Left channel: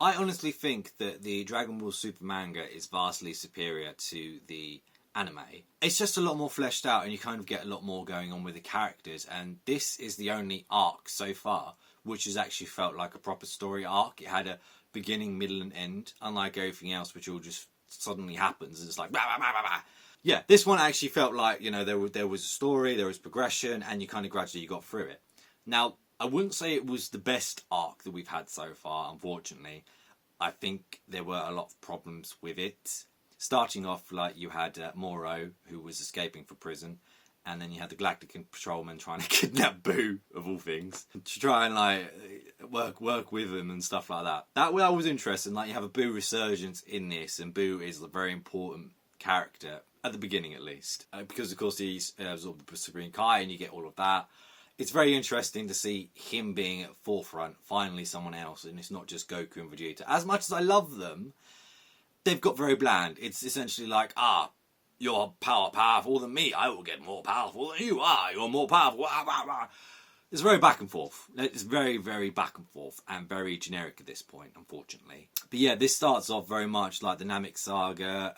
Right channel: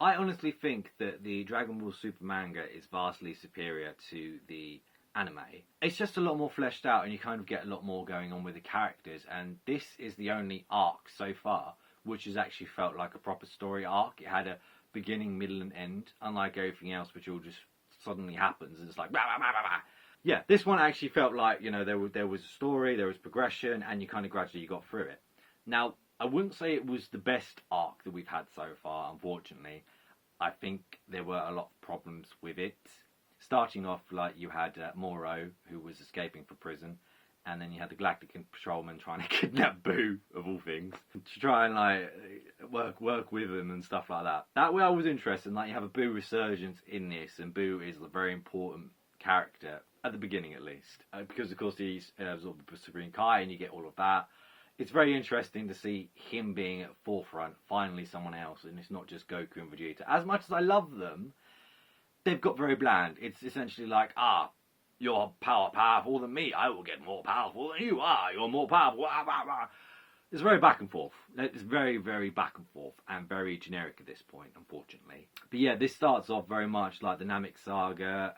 I honestly think that the Dragon Ball Super manga is vastly superior to the anime. It's just a lot more fleshed out and you kind of get a lot more going on with the characters, and this is the only arc so far which has actually felt like a proper story arc. It had a beginning, middle and end, unlike everything else which all just suddenly happens and it's like blah, blah, blah, blah, blah. Yeah, this one actually felt like, you know, there was a story, there was progression, and you kind of gradually got through it. Now, I wouldn't say it was the best arc that we've had so far, unfortunately. I think there were a lot of problems with it. Starting off, like, you had Moro, who was escaping from prison, and then you had the Galactic patrolman trying to kidnap Boo, of all things, to try and, like, work with him and stuff like that. That was interesting. Like, you have a Boo resurgence in this, and Boo is a very important character, at the beginning at least, because, of course, he's absorbed the Supreme Kai, and you get all of that. It's very interesting to see him being at forefront, finally someone else, and it's not just Goku and Vegeta. As much as I love them, they've got very bland. It's essentially like, you're powerful than me, I will get more powerful than you are, you're more powerful. It's very back and forth. It's very, very back and forth, and very generic at this point, unfortunately. But yeah, this starts off very much like the Namek saga.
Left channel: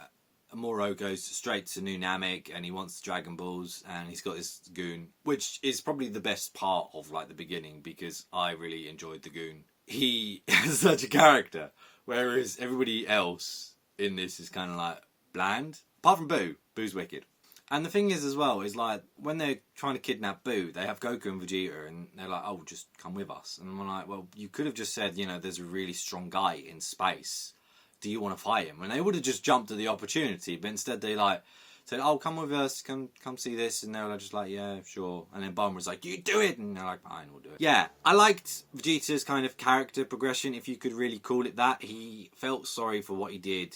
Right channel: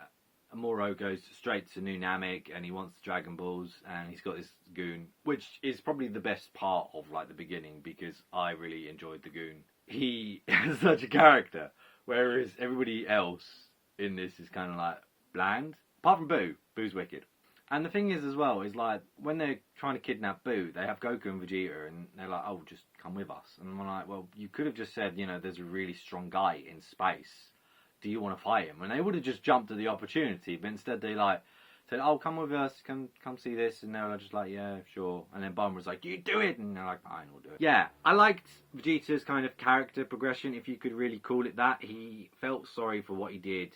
Moro goes straight to New Namek and he wants the Dragon Balls, and he's got this goon, which is probably the best part of like the beginning because I really enjoyed the goon. He is such a character, whereas everybody else in this is kind of like bland. Apart from Boo. Boo's wicked. And the thing is as well, is like when they're trying to kidnap Boo, they have Goku and Vegeta and they're like, oh, just come with us. And I'm like, well, you could have just said, you know, there's a really strong guy in space. Do you want to fight him? And they would have just jumped at the opportunity, but instead they like said, oh, come with us, come see this, and they were just like, yeah, sure. And then Bulma was like, you do it, and they're like, fine, we'll do it. Yeah, I liked Vegeta's kind of character progression, if you could really call it that. He felt sorry for what he did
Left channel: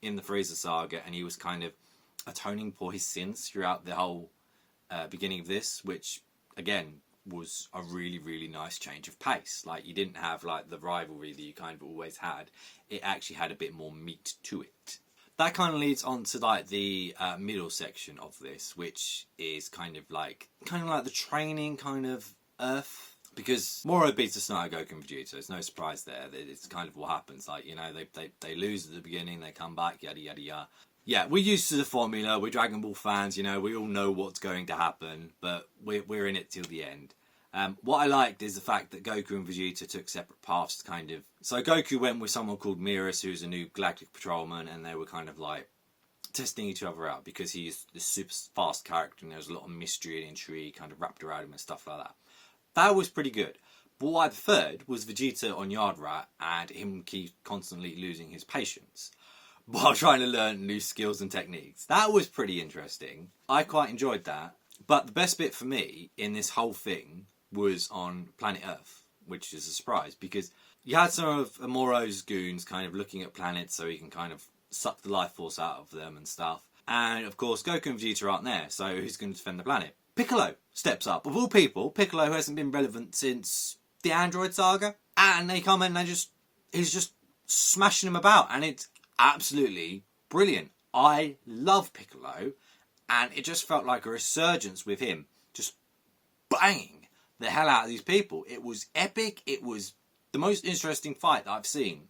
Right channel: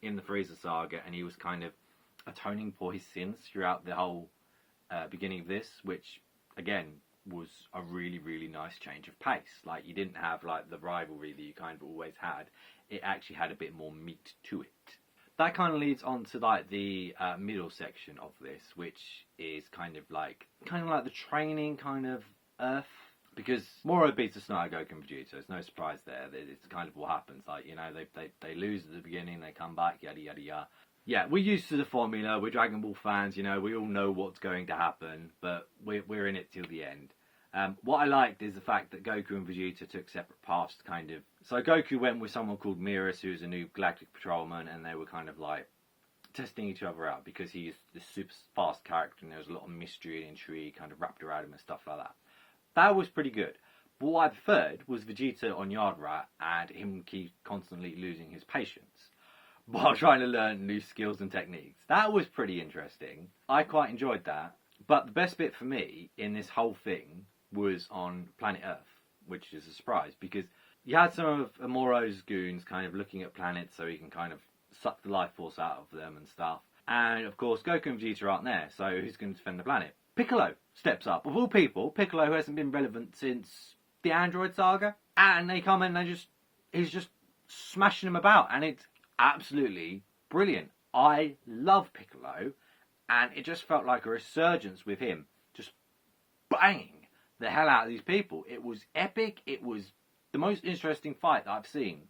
in the Frieza saga, and he was kind of atoning for his sins throughout the whole beginning of this, which, again, was a really, really nice change of pace. Like, you didn't have, like, the rivalry that you kind of always had. It actually had a bit more meat to it. That kind of leads on to, like, the middle section of this, which is kind of like the training kind of Earth. Because Moro beats the Snow Goku and Vegeta. There's no surprise there. It's kind of what happens. Like, you know, they lose at the beginning, they come back, yada, yada, yada. Yeah, we're used to the formula. We're Dragon Ball fans, you know. We all know what's going to happen, but we're in it till the end. What I liked is the fact that Goku and Vegeta took separate paths to kind of... So Goku went with someone called Miras, who's a new Galactic patrolman, and they were kind of like testing each other out because he's a super fast character and there's a lot of mystery and intrigue kind of wrapped around him and stuff like that. That was pretty good. But what I preferred was Vegeta on Yard Rat and him keep constantly losing his patience while trying to learn new skills and techniques. That was pretty interesting. I quite enjoyed that. But the best bit for me in this whole thing was on planet Earth, which is a surprise because you had some of Amoro's goons kind of looking at planets so he can kind of suck the life force out of them and stuff. And of course, Goku and Vegeta aren't there, so who's going to defend the planet? Piccolo steps up. Of all people, Piccolo, who hasn't been relevant since the Android saga, and they come in and he's just smashing them about, and it's absolutely brilliant. I love Piccolo, and it just felt like a resurgence with him, just banging the hell out of these people. It was epic. It was the most interesting fight that I've seen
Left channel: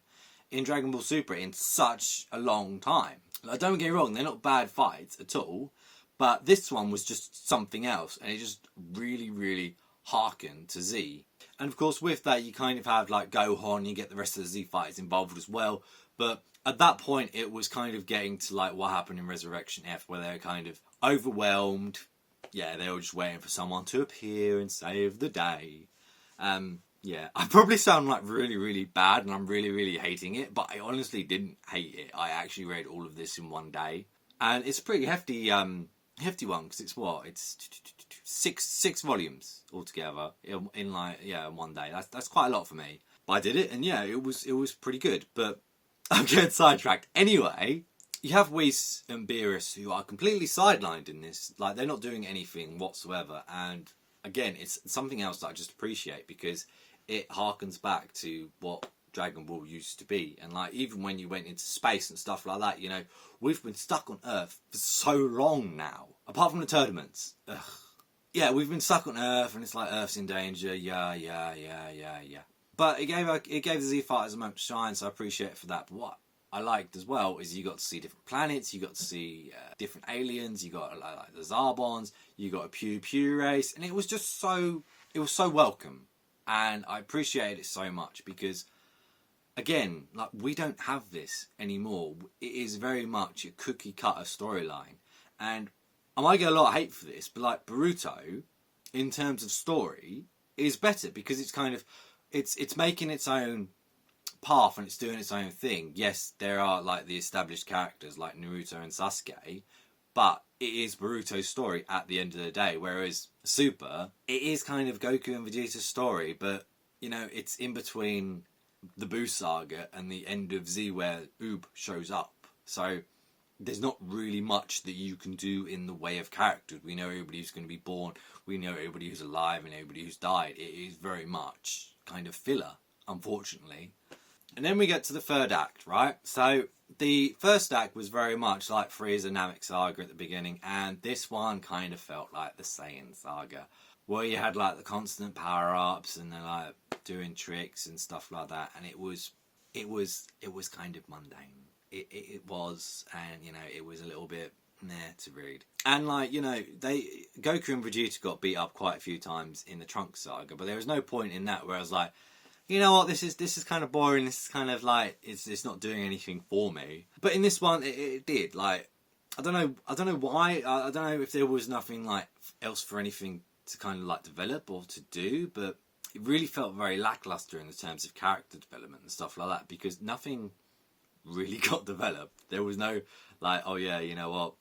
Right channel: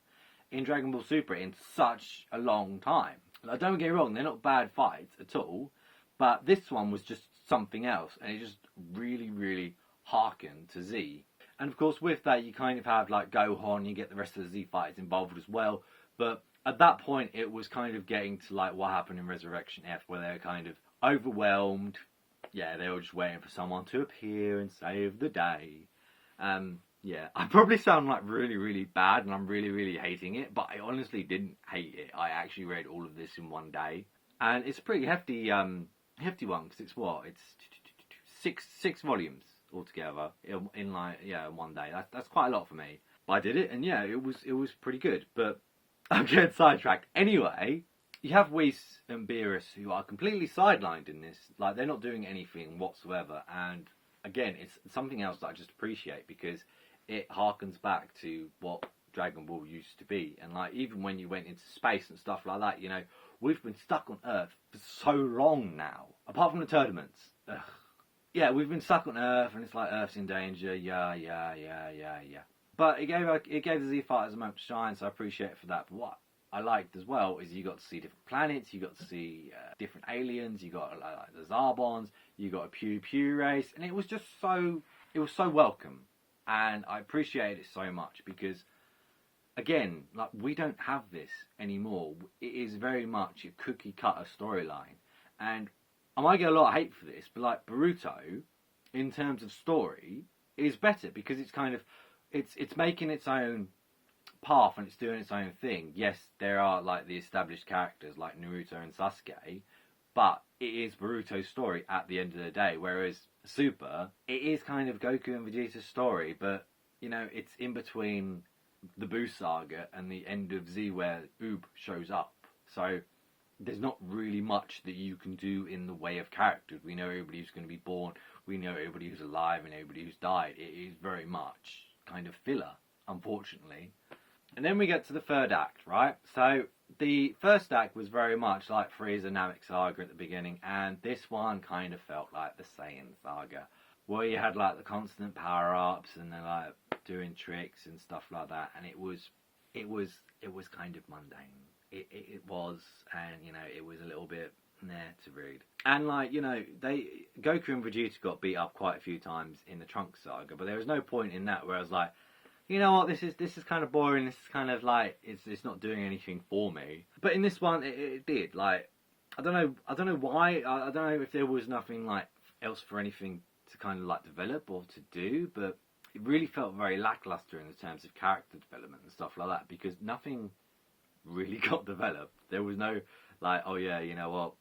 in Dragon Ball Super in such a long time. Like, don't get me wrong, they're not bad fights at all, but this one was just something else, and it just really, really harkened to Z. And of course, with that, you kind of have like Gohan, you get the rest of the Z fighters involved as well, but at that point, it was kind of getting to like what happened in Resurrection F, where they're kind of overwhelmed. Yeah, they were just waiting for someone to appear and save the day. Yeah, I probably sound like really, really bad and I'm really, really hating it, but I honestly didn't hate it. I actually read all of this in one day. And it's a pretty hefty one, because it's what? It's six volumes altogether in like, yeah, in one day. That's quite a lot for me. But I did it, and yeah, it was pretty good. But I'm getting sidetracked. Anyway, you have Whis and Beerus who are completely sidelined in this. Like, they're not doing anything whatsoever. And again, it's something else that I just appreciate because it harkens back to what Dragon Ball used to be. And like, even when you went into space and stuff like that, you know, we've been stuck on Earth for so long now. Apart from the tournaments. Ugh. Yeah, we've been stuck on Earth and it's like Earth's in danger. Yeah. But it gave the Z Fighters a moment to shine, so I appreciate it for that. But what I liked as well is you got to see different planets, you got to see different aliens, you got like the Zarbons, you got a Pew Pew race, and it was just so welcome, and I appreciated it so much because, again, like we don't have this anymore. It is very much a cookie cutter storyline, and I might get a lot of hate for this, but like Boruto, in terms of story, is better because it's kind of it's making its own path and it's doing its own thing. Yes, there are like the established characters like Naruto and Sasuke, but it is Boruto's story at the end of the day. Whereas Super, it is kind of Goku and Vegeta's story, but you know, it's in between the Buu saga and the end of Z where Oob shows up. So there's not really much that you can do in the way of characters. We know everybody who's going to be born, we know everybody who's alive and everybody who's died. It is very much kind of filler, unfortunately. And then we get to the third act, right? So the first act was very much like Frieza Namek Saga at the beginning, and this one kind of felt like the Saiyan Saga, where you had like the constant power-ups and they're like doing tricks and stuff like that, and it was kind of mundane. It was, and you know, it was a little bit to read. And like, you know, Goku and Vegeta got beat up quite a few times in the Trunks saga, but there was no point in that where I was like, you know what, this is kind of boring, this is kind of like, it's not doing anything for me. But in this one, it did. Like, I don't know why, I don't know if there was nothing like else for anything to kind of like develop or to do, but it really felt very lackluster in terms of character development and stuff like that, because nothing really got developed. There was no like, oh yeah, you know what,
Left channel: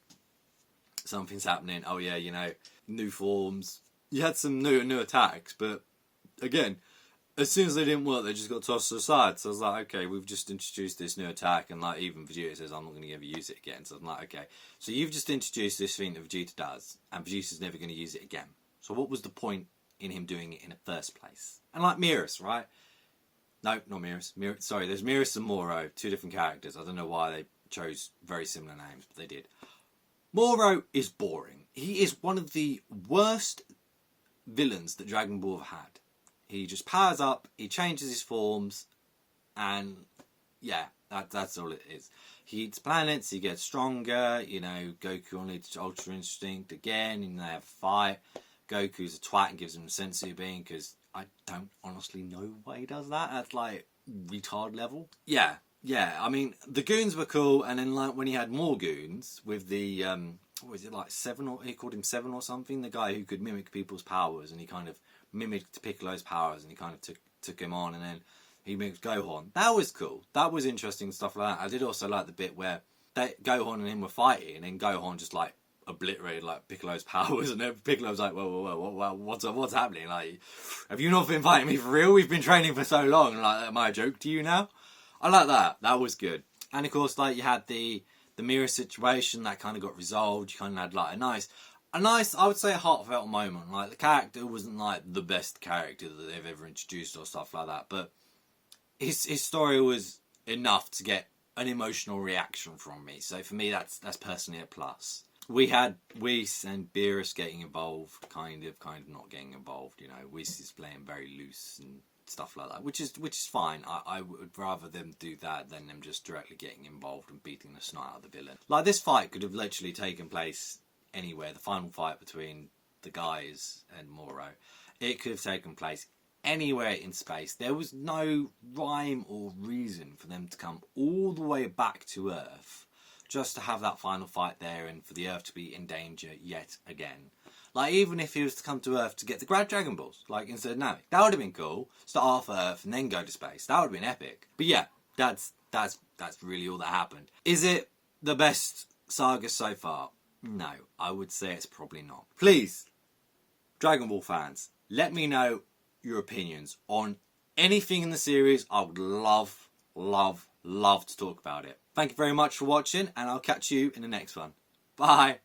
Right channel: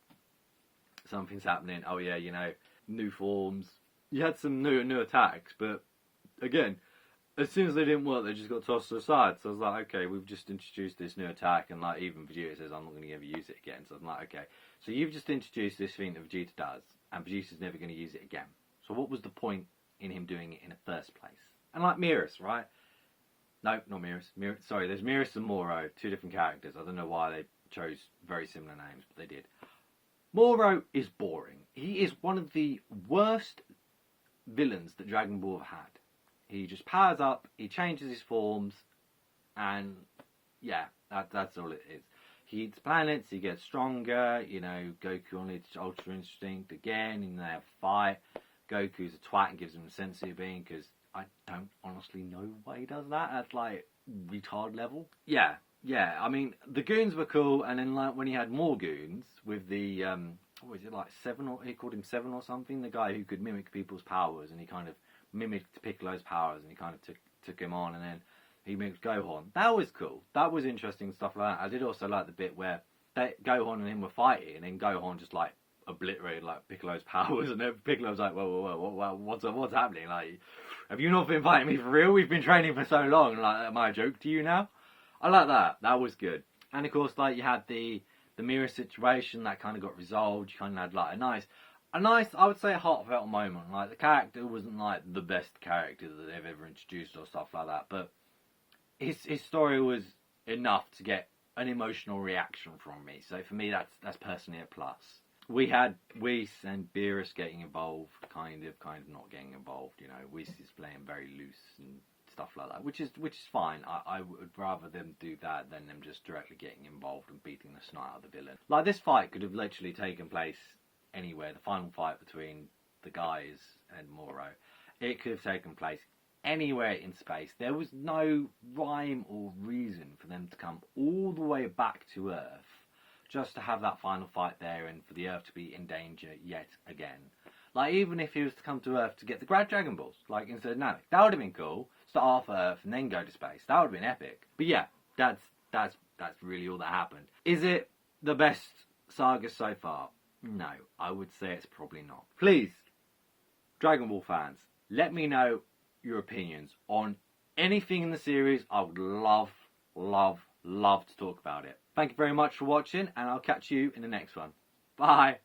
something's happening, oh yeah, you know, new forms. You had some new attacks, but again, as soon as they didn't work, they just got tossed aside. So I was like, okay, we've just introduced this new attack, and like even Vegeta says, I'm not going to ever use it again. So I'm like, okay, so you've just introduced this thing that Vegeta does, and Vegeta's never going to use it again. So what was the point in him doing it in the first place? And like Miras, right? No, not Miras. Sorry, there's Miras and Moro, two different characters. I don't know why they chose very similar names, but they did. Moro is boring. He is one of the worst villains that Dragon Ball have had. He just powers up, he changes his forms, and yeah, that's all it is. He eats planets, he gets stronger, you know, Goku unleashes Ultra Instinct again, and they have a fight. Goku's a twat and gives him a sensu bean, because I don't honestly know why he does that. That's like retard level. Yeah, I mean, the goons were cool, and then like when he had more goons with the, what was it, like Seven, or he called him Seven or something, the guy who could mimic people's powers, and he kind of mimicked Piccolo's powers, and he kind of took him on, and then he mimicked Gohan. That was cool. That was interesting, stuff like that. I did also like the bit where Gohan and him were fighting, and then Gohan just like obliterated like Piccolo's powers, and then Piccolo was like, whoa, what's happening? Like, have you not been fighting me for real? We've been training for so long. Like, am I a joke to you now? I like that. That was good. And of course, like, you had the mirror situation that kind of got resolved. You kind of had like a nice, I would say, a heartfelt moment. Like, the character wasn't like the best character that they've ever introduced or stuff like that, but his story was enough to get an emotional reaction from me. So for me, that's personally a plus. We had Whis and Beerus getting involved, kind of not getting involved. You know, Whis is playing very loose and stuff like that, which is fine. I would rather them do that than them just directly getting involved and beating the snot out of the villain. Like, this fight could have literally taken place anywhere. The final fight between the guys and Moro, it could have taken place anywhere in space. There was no rhyme or reason for them to come all the way back to Earth just to have that final fight there and for the Earth to be in danger yet again. Like, even if he was to come to Earth to get the Grad Dragon Balls, like, instead of Namek, that would have been cool. Start off Earth and then go to space. That would have been epic. But yeah, that's really all that happened. Is it the best saga so far? No, I would say it's probably not. Please, Dragon Ball fans, let me know your opinions on anything in the series. I would love to talk about it. Thank you very much for watching, and I'll catch you in the next one. Bye.